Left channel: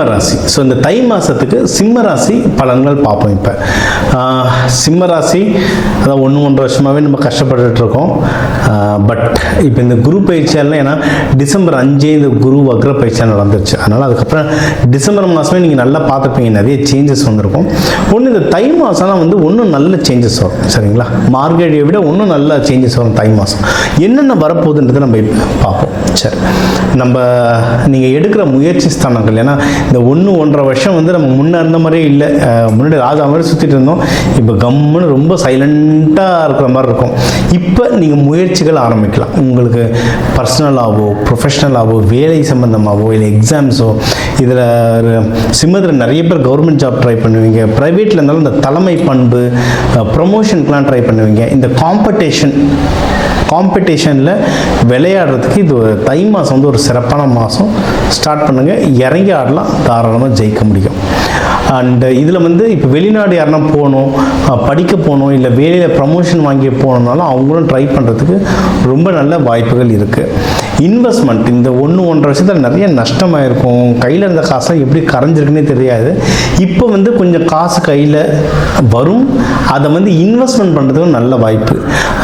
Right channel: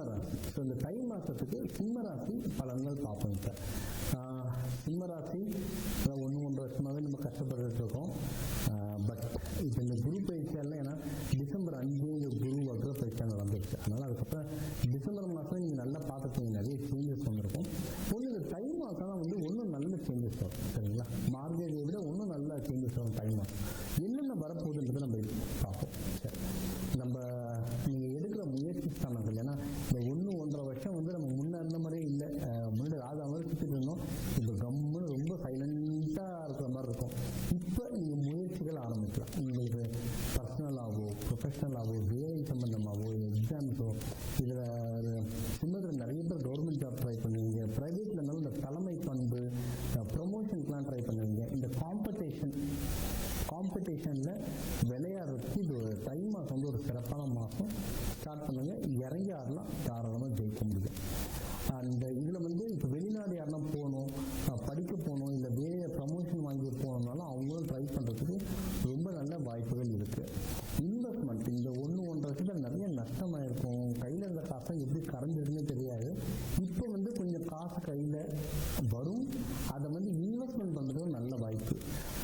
சிம்ம ராசி. ஸோ இந்த தை மாதத்துக்கு சிம்ம ராசி பலன்கள் பார்ப்போம். இப்போ சிம்ம ராசி அதான் 1-1.5 வருஷமாகவே நம்ம கஷ்டப்பட்டுட்டு இருக்கோம். பட் இப்போ இந்த குரு பயிற்சியால், ஏன்னா டிசம்பர் 5 இந்த குரு வக்ர பயிற்சியாக நடந்துருச்சு. அதனால் அதுக்கப்புறம் டிசம்பர் மாதமே நீங்கள் நல்லா பார்த்துருப்பீங்க, நிறைய சேஞ்சஸ் வந்திருக்கும். ஒன்று இந்த தை மாதம்லாம் வந்து ஒன்றும் நல்ல சேஞ்சஸ் வரும். சரிங்களா? மார்கழியை விட ஒன்றும் நல்ல சேஞ்சஸ் வரும் தை மாதம். என்னென்ன வரப்போகுதுன்றதை நம்ம பார்ப்போம். சரி, நம்ம நீங்கள் எடுக்கிற முயற்சி ஸ்தானங்கள், ஏன்னா இந்த 1-1.5 வருஷம் வந்து நம்ம முன்னே இருந்த மாதிரியே இல்லை. முன்னாடி ராஜா மாதிரி சுற்றிட்டு இருந்தோம். இப்போ கம்முன்னு ரொம்ப சைலண்ட்டாக இருக்கிற மாதிரி இருக்கும். இப்போ நீங்கள் முயற்சிகள் ஆரம்பிக்கலாம். உங்களுக்கு பர்சனலாகவோ ப்ரொஃபஷ்னலாகவோ வேலை சம்மந்தமாகவோ இல்லை எக்ஸாம்ஸோ, இதில் சிம்மத்தில் நிறைய பேர் கவர்மெண்ட் ஜாப் ட்ரை பண்ணுவீங்க. ப்ரைவேட்டில் இருந்தாலும் இந்த தலைமை பண்பு ப்ரமோஷனுக்கெலாம் ட்ரை பண்ணுவீங்க. இந்த காம்படிஷனில் விளையாடுறதுக்கு இது தை மாதம் வந்து ஒரு சிறப்பான மாதம். ஸ்டார்ட் பண்ணுங்கள், இறங்கி ஆடலாம், தாராளமாக ஜெயிக்க முடியும். அண்டு இதில் வந்து இப்போ வெளிநாடு யாருன்னா போகணும், படிக்க போகணும், இல்லை வேலையில் ப்ரமோஷன் வாங்கி போகணுன்னாலும் அவங்களும் ட்ரை பண்ணுறதுக்கு ரொம்ப நல்ல வாய்ப்புகள் இருக்குது. இன்வெஸ்ட்மெண்ட் இந்த 1-1.5 வருஷத்தில் நிறைய நஷ்டமாக இருக்கும். கையில் இருந்த காசை எப்படி கரைஞ்சிருக்குன்னே தெரியாது. இப்போ வந்து கொஞ்சம் காசு கையில் வரும். அதை வந்து இன்வெஸ்ட்மெண்ட் பண்ணுறதுக்கு நல்ல வாய்ப்பு.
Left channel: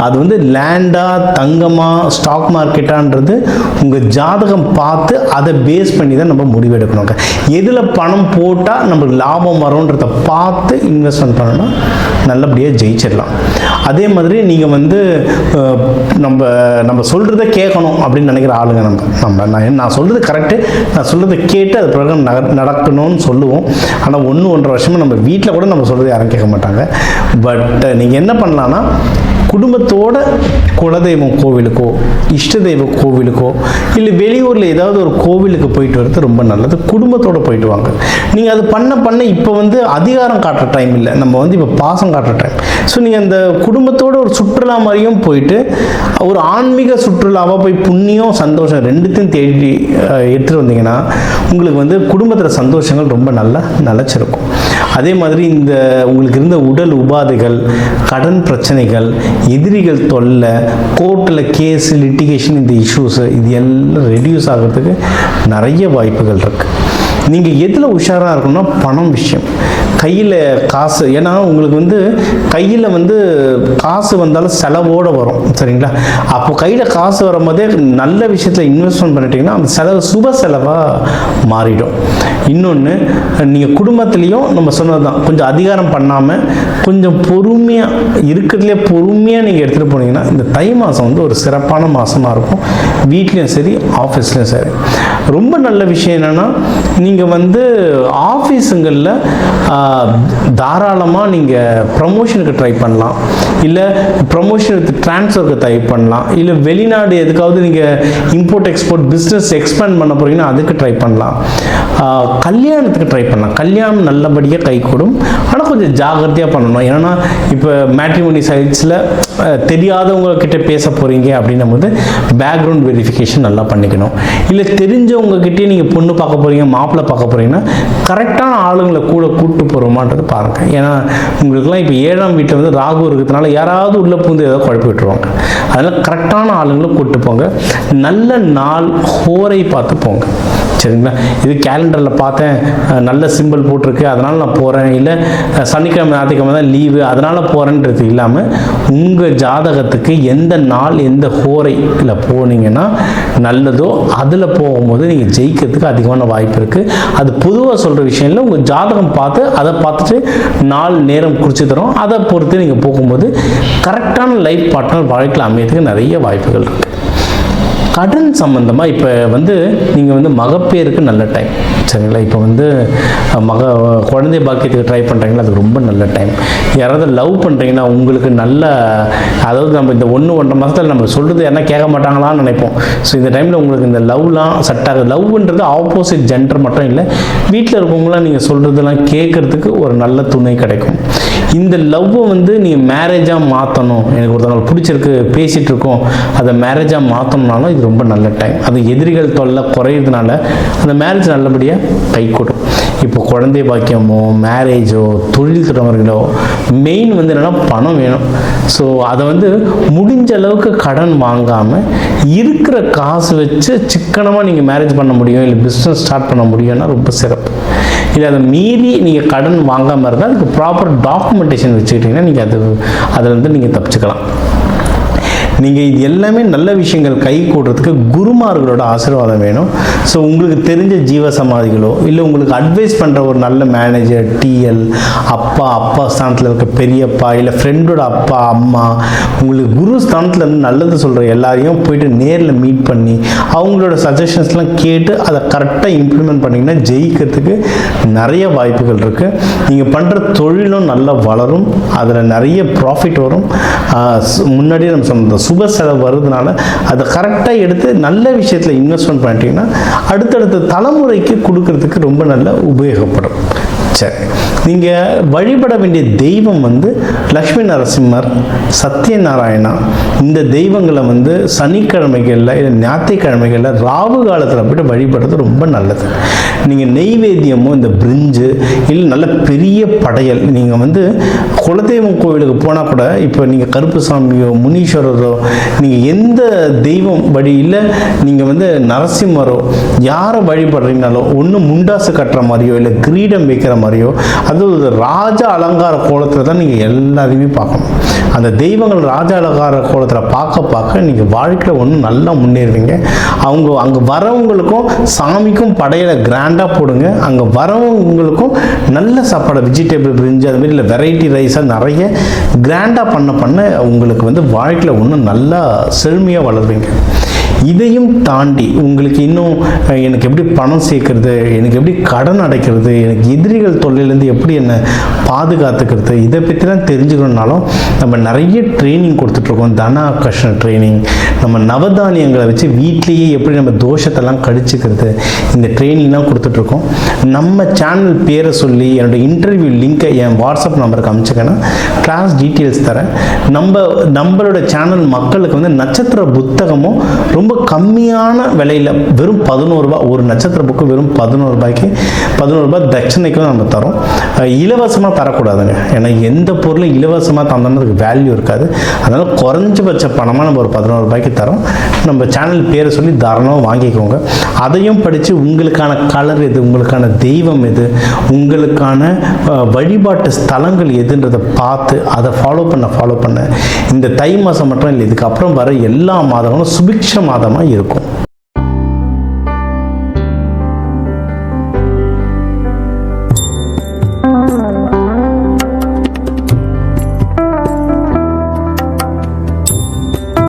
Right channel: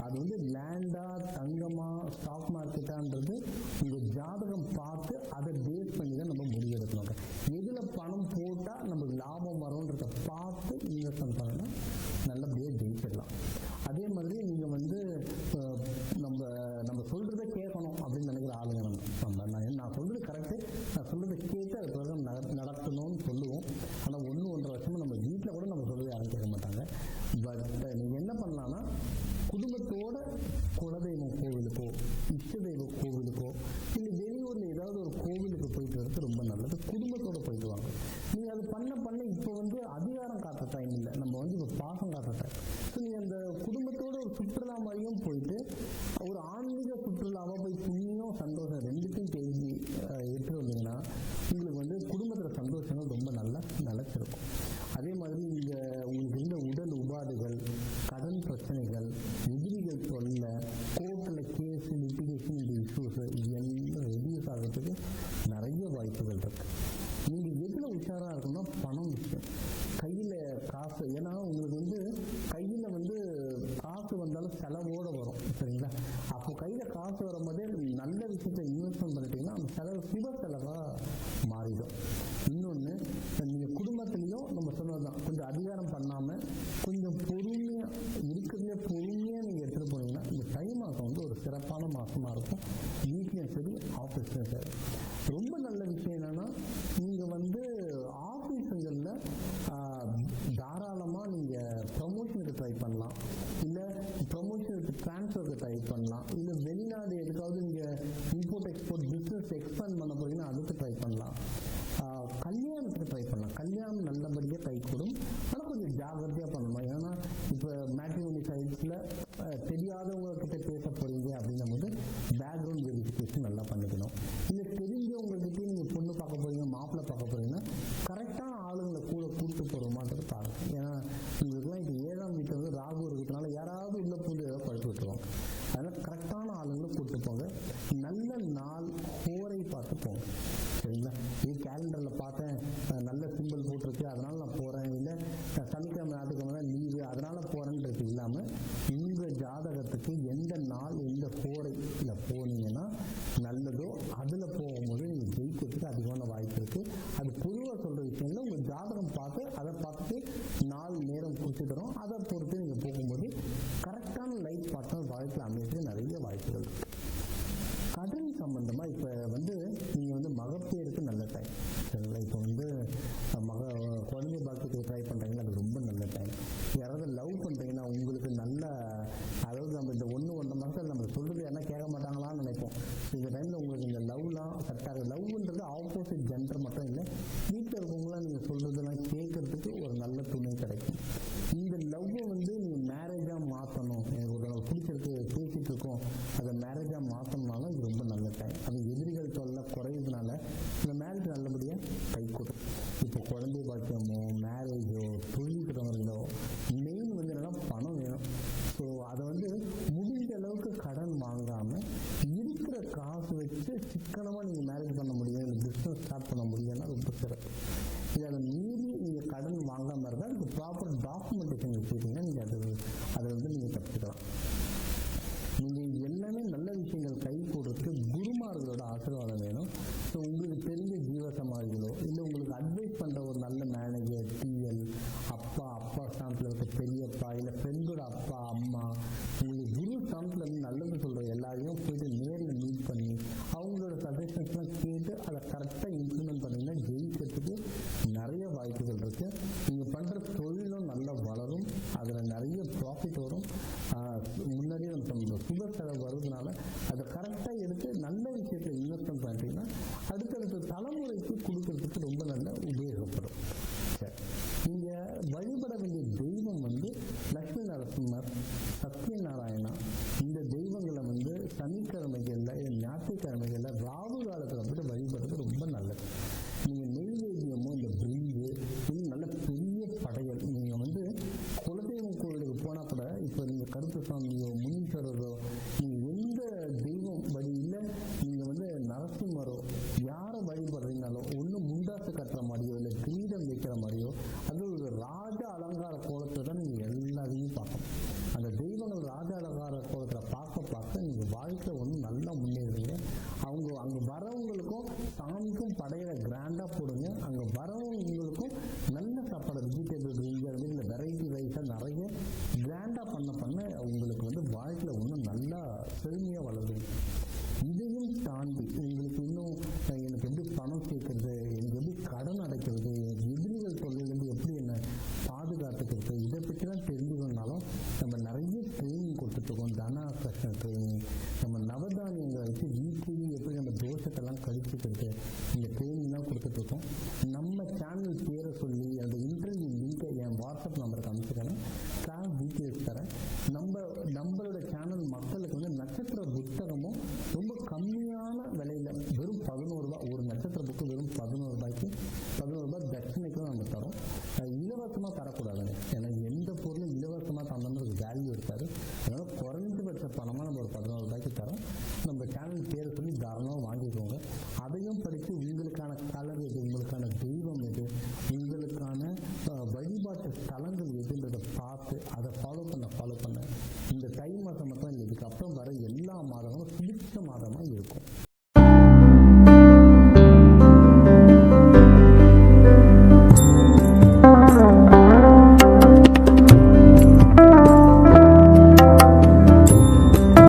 அது வந்து லேண்டாக, தங்கமாக, ஸ்டாக் மார்க்கெட்டான்றது உங்கள் ஜாதகம் பார்த்து அதை பேஸ் பண்ணி தான் நம்ம முடிவெடுக்கணும். எதில் பணம் போட்டால் நம்மளுக்கு லாபம் வரும்ன்றதை பார்த்து இன்வெஸ்ட்மெண்ட் பண்ணணும், நல்லபடியாக ஜெயிச்சிடலாம். அதே மாதிரி நீங்கள் வந்து நம்ம சொல்கிறத கேட்கணும் அப்படின்னு நினைக்கிற ஆளுங்க நான் சொல்கிறது கரெக்டு, நான் சொல்கிறத கேட்டு அது பிரகாரம் நடக்கணும்னு சொல்லுவோம். ஆனால் 1-1.5 வருஷமாக நம்ம வீட்டில் கூட நம்ம சொல்கிறது யாரும் கேட்க மாட்டாங்க. பட் நீங்கள் என்ன பண்ணலான்னா, குடும்பத்தோட குலதெய்வம் கோவிலுக்கோ, இஷ்ட தெய்வ கோவிலுக்கோ, இல்லை வெளியூரில் ஏதாவது ஒரு கோவிலுக்கு போயிட்டு வர்றது ரொம்ப நல்லது. குடும்பத்தோடு போயிட்டு வாங்க. நீங்கள் அது பண்ண இப்போ வந்து அதிகாரம் காட்டுற டைம் இல்லை, நம்ம வந்து இப்போ பாசம் காட்டுற டைம். ஸோ நீங்கள் அந்த குடும்பத்தோடு ஒரு சுற்றுலா மாதிரியும் போயிட்டு, ஒரு ஆன்மீக சுற்றுலாவாக போய் புண்ணியம் சந்தோஷம் ரெண்டுத்தையும் தேடி எடுத்துகிட்டு வந்தீங்கன்னா உங்களுக்கு வந்து குடும்பத்தில் சந்தோஷங்கள் ரொம்ப நல்லா நிலச்சிருக்கும். அதே மாதிரி இந்த உங்களுக்கு இருந்த உடல் உபாதைகள், கடன் பிரச்சனைகள், எதிரிகள் தொல்லை, கோர்ட்டில் கேஸு, லிட்டிகேஷன், இந்த இஷ்யூஸு, இது எல்லாம் ரெடியூஸ் ஆகிறதுக்கு நிறைய வாய்ப்புகள் இருக்குது. நீங்கள் எதில் உஷாராக இருக்கணும்னா பணம் விஷயம், கையில் காசு. ஏன்னா உங்களுக்கு வந்து கையில் வந்து காசு வந்தாலும் செலவோடு வரும். சரிங்களா? அப்போ கையில் காசு வரும்போதே நல்ல விஷயத்தில் இன்வெஸ்ட்மெண்ட் பண்ணிட்டீங்கன்னா அந்த செலவு சுப செலவாக மாறிடும். இன்னொன்று, நீங்கள் குடும்பத்துலேயும் நம்ம சொன்னது தான், கொஞ்சம் அதிகாரம் பண்ணாமல் கொஞ்சம் பொறுமையாக இருக்கிறதுலே பொறுமையாக நீங்கள் எடுத்துகிட்டு போனீங்கன்னா இந்த தை மாதம் வந்து ஒரு சிறப்பான மாதமாக இருக்கும். வீட்லேயும் சரி, ஆஃபீஸ்லேயும் சரி. ரொம்ப நல்ல விஷயம் என்னென்னா, நீங்கள் வந்து ஆஃபீஸுங்களில் தாராளமாக நீங்கள் ப்ரமோஷனுக்கு ட்ரை பண்ணலாம், இல்லை ப்ரமோஷனுக்கு ட்ரான்ஸ்ஃபருக்கு ட்ரை பண்ணலாம், இல்லை வெளிநாடு எதுக்காவது நீங்கள் இம்போர்ட் எக்ஸ்போர்ட் பிஸ்னஸ் எக்ஸ்பேண்ட் பண்ண போகிறீங்கன்னா அதுக்கு ட்ரை பண்ணலாம். கல்யாணத்துக்கு ட்ரை பண்ணலாம். கல்யாணம் நல்லபடியாக கைகூடும். ஆனால் கொஞ்சம் ஜாகிரதையாக பண்ணணும். ஏன்னா இப்போ மேட்ரிமோனி சைட்ஸில் தெரியாதவங்கக்கிட்ட பேச போகிறீங்க அப்படின்னும் போது பேக்ரவுண்ட் வெரிஃபிகேஷன் நல்லா பண்ணிக்கணும். இல்லை தெரிஞ்சவங்கக்கிட்டே நீங்கள் பொண்ணு பார்க்க போகிறீங்க, மாப்பிள்ளை பார்க்க போகிறீங்கன்னா கரெக்டான ஆளுங்களை கூட கூப்பிட்டு போகிறோமான்றது பாருங்கள். ஏன்னா உங்களுக்குலாம் இப்போ 7ஆம் வீட்டில் வந்து ராகு இருக்கிறதுனால யாராவது உள்ளே பூந்து ஏதாவது குழப்பி விட்டுருவாங்க. அதனால் கரெக்டான ஆளுங்களை கூப்பிட்டு போங்க. நல்ல நாள் ஹோரை பார்த்து போங்க. சரிங்களா? இது கேலண்டரில் பார்த்தேன், நல்ல சிம்பிள் போட்டிருக்கு அதனால் நான் போகிறேன், இல்லை சனிக்கிழமை ஞாயிற்றுக்கிழமை தான் லீவு அதனால் போகிறேன்றது இல்லாமல் உங்கள் ஜாதகத்துக்கு எந்த நாள் எந்த ஹோரையில் போனீங்கன்னா நல்லதோ அதில் போகும்போது நீங்கள் ஜெயிக்கிறதுக்கு அதிகமான வாய்ப்பு இருக்குது. அது பொதுவாக சொல்கிற விஷயம் இல்லை. உங்கள் ஜாதகம் பார்த்து அதை பார்த்துட்டு நாள் நேரம் குறித்து தரோம். அதை பொறுத்து நீங்கள் போகும்போது கரெக்டான லைஃப் பார்ட்னர் வாழ்க்கையில் அமையறதுக்கு நிறைய வாய்ப்புகள் இருக்குது. கடன் சம்மந்தமாக இப்போ வந்து நீங்கள் வந்து மகப்பேருக்கு நல்ல டைம். சரிங்களா? இப்போ வந்து குழந்தை பாக்கியத்துக்கு ட்ரை பண்ணுறீங்களா, அது ரொம்ப நல்ல டைம். யாராவது லவ் பண்ணுறீங்கன்னா உங்களுக்கு நல்ல, அதாவது நம்ம இந்த 1-1.5 மாதத்தில் நம்ம சொல்கிறது யாரா கேட்க மாட்டாங்களான்னு நினைப்போம். ஸோ இந்த டைமில் உங்களுக்கு இந்த லவ்லாம் செட் ஆகுது. லவ்ன்றது ஆப்போசிட் ஜெண்டர் மட்டும் இல்லை, வீட்டில் இருக்கவங்களாம் நீங்கள் சொல்கிறதெல்லாம் கேட்குறதுக்கு ஒரு நல்ல துணை கிடைக்கும். இந்த லவ்வை வந்து நீங்கள் மேரேஜாக மாற்றணும், எனக்கு ஒருத்தவங்க பிடிச்சிருக்கு பேசிகிட்டு இருக்கோம், அதை மேரேஜாக மாற்றணும்னாலும் இது ரொம்ப நல்ல டைம். அது எதிரிகள் தொல்லை குறையிறதுனால அந்த மேரேஜ் நல்லபடியாக கைகூடும். இப்போ குழந்தை பாக்கியமோ மேரேஜோ தொழில் தொடங்குறீங்களோ மெயின் வந்து என்னென்னா பணம் வேணும். ஸோ அதை வந்து முடிஞ்ச அளவுக்கு கடன் வாங்காமல் இருக்கிற காசு வச்சு சிக்கனமாக நீங்கள் மேரேஜ் பண்ண முடியும், இல்லை பிஸ்னஸ் ஸ்டார்ட் பண்ண முடியும்னா ரொம்ப சிறப்பு. இல்லை அதை மீறி நீங்கள் கடன் வாங்காமல் இருந்தால் அதுக்கு ப்ராப்பர் டாக்குமெண்டேஷன் வச்சுக்கிட்டிங்கன்னா நீங்கள் அதில் நீங்கள் தப்பிச்சுக்கலாம். நீங்கள் இது எல்லாமே நல்ல விஷயங்கள் கை கூடுறதுக்கு குருமார்களோட ஆசீர்வாதம் வேணும். ஸோ உங்களுக்கு தெரிஞ்ச ஜீவ சமாதிகளோ இல்லை உங்களுக்கு அட்வைஸ் பண்ணுற ஒரு நல்ல மேனேஜர், டிஎல், அப்பா ஸ்தானத்தில் இருக்க பெரியப்பா, இல்லை ஃப்ரெண்டோட அப்பா அம்மா, உங்களுக்கு குரு ஸ்தானத்தில் இருந்து நல்லது சொல்கிற எல்லாரையும் போயிட்டு நேரில் மீட் பண்ணி அவங்களோட சஜஷன்ஸ்லாம் கேட்டு அதை கரெக்டாக இம்ப்ளிமெண்ட் பண்ணிங்கன்னா ஜெயிக்கிறதுக்கு நிறைய வாய்ப்புகள் இருக்குது. நீங்கள் பண்ணுற தொழிலும் நல்லா வளரும், அதில் நிறைய ப்ராஃபிட் வரும். முன்னாடியே நம்ம சொன்ன சுப செலவு வருதுனால அதை கரெக்டாக எடுத்து நல்ல விஷயத்தில் இன்வெஸ்ட்மெண்ட் பண்ணிட்டீங்கன்னா அடுத்தடுத்த தலைமுறைக்கு கொடுக்கறதுக்கு ரொம்ப நல்ல உபயோகப்படும். சரி, நீங்கள் வழிபட வேண்டிய தெய்வம் வந்து லக்ஷ்மி நரசிம்மர், சத்யநாராயணா. இந்த தெய்வங்களை வந்து சனிக்கிழமைகளில் இல்லை ஞாயிற்றுக்கிழமைகளில் ராகு காலத்தில் போய்ட்டு வழிபடுறது ரொம்ப நல்லது. நீங்கள் நெய்வேத்தியமோ இந்த பிரிஞ்சு இல்லை நல்ல பெரிய படையல், நீங்கள் வந்து குலதெய்வம் கோவிலுக்கு போனால் கூட இப்போ நீங்கள் கருப்புசாமியோ முனீஸ்வரரோ நீங்கள் எந்த தெய்வம் வழியில் நீங்கள் வந்து நரசிம்மரோ யாரை வழிபடுறீங்கனாலோ ஒன்று முண்டாசு கட்டுற மாதிரியோ இல்லை கிரீடம் வைக்கிற மாதிரியோ அது ராஜ அலங்கார கோலத்தில் தான் நீங்கள் எல்லாரையுமே பார்க்கணும். அந்த தெய்வங்கள் ராஜ அலங்கார கோலத்தில் பார்க்க நீங்கள் வாழ்க்கையில் ஒன்று நல்லா முன்னேறுவீங்க. அங்கே வரவங்களுக்கும் சாமிக்கும் படையில கிராண்டாக போடுங்க. அங்கே வரவங்களுக்கும் நல்ல சாப்பாடு, வெஜிடபிள் பிரிஞ்சு அது மாதிரி இல்லை வெரைட்டி ரைஸாக நிறைய கிராண்டாக பண்ண உங்களுக்கு வந்து வாழ்க்கையில் ஒன்று நல்லா செழுமையாக வளருவீங்க. இதையும் தாண்டி உங்களுக்கு இன்னும் எனக்கு எப்படி பணம் சேர்க்கறது, எனக்கு எப்படி கடன் அடைக்கிறது, எனக்கு எதிரிகள் தொல்லையிலேருந்து எப்படி என்னை பாதுகாத்துக்கிறது, இதை பற்றிலாம் தெரிஞ்சுக்கணுன்னாலும் நம்ம நிறைய ட்ரைனிங் கொடுத்துட்ருக்கோம். தன ஆகர்ஷண ட்ரைனிங், நம்ம நவதானியங்களை வச்சு வீட்லேயே எப்படி நம்ம தோஷத்தெல்லாம் கழிச்சுக்கிறது, இந்த ட்ரைனிங்லாம் கொடுத்துட்ருக்கோம். நம்ம சேனல் பேரை சொல்லி என்னோடய இன்டர்வியூ லிங்க்கை என் வாட்ஸ்அப் நம்பருக்கு அனுப்பிச்சிங்கன்னா கிளாஸ் டீட்டெயில்ஸ் தரேன். நம்மளோட சேனல் மக்களுக்கு வந்து நட்சத்திர புத்தகமும் ரொம்ப கம்மியான விலையில் வெறும் 11 ரூபாய், ஒரு நட்சத்திர புக்கு வெறும் 11 ரூபாய்க்கு 11 ரூபாய் தட்சணைக்கும் நம்ம தரோம். இலவசமாக தரக்கூடாதுங்க, ஏன்னா எந்த பொருளும் இலவசமாக தந்தோம்னதுக்கு வேல்யூ இருக்காது. அதனால் குறைஞ்சபட்ச பணமாக நம்ம ஒரு 11 ரூபாய்க்கு தரோம். நம்ம சேனல் பேரை சொல்லி தாராளமாக வாங்கிக்கோங்க. அதையும் படித்து உங்களுக்கான கலர் எது, உங்களுக்கான தெய்வம் எது, உங்களுக்கான வழிபாட்டு ஸ்தலங்கள் எதுன்றதை பார்த்து அதை ஃபாலோ பண்ண இந்த தை மாதம் மட்டும் இல்லை, இதுக்கப்புறம் வர எல்லா மாதங்களும் சுபிக்ஷ மாதமாக இருக்கும்.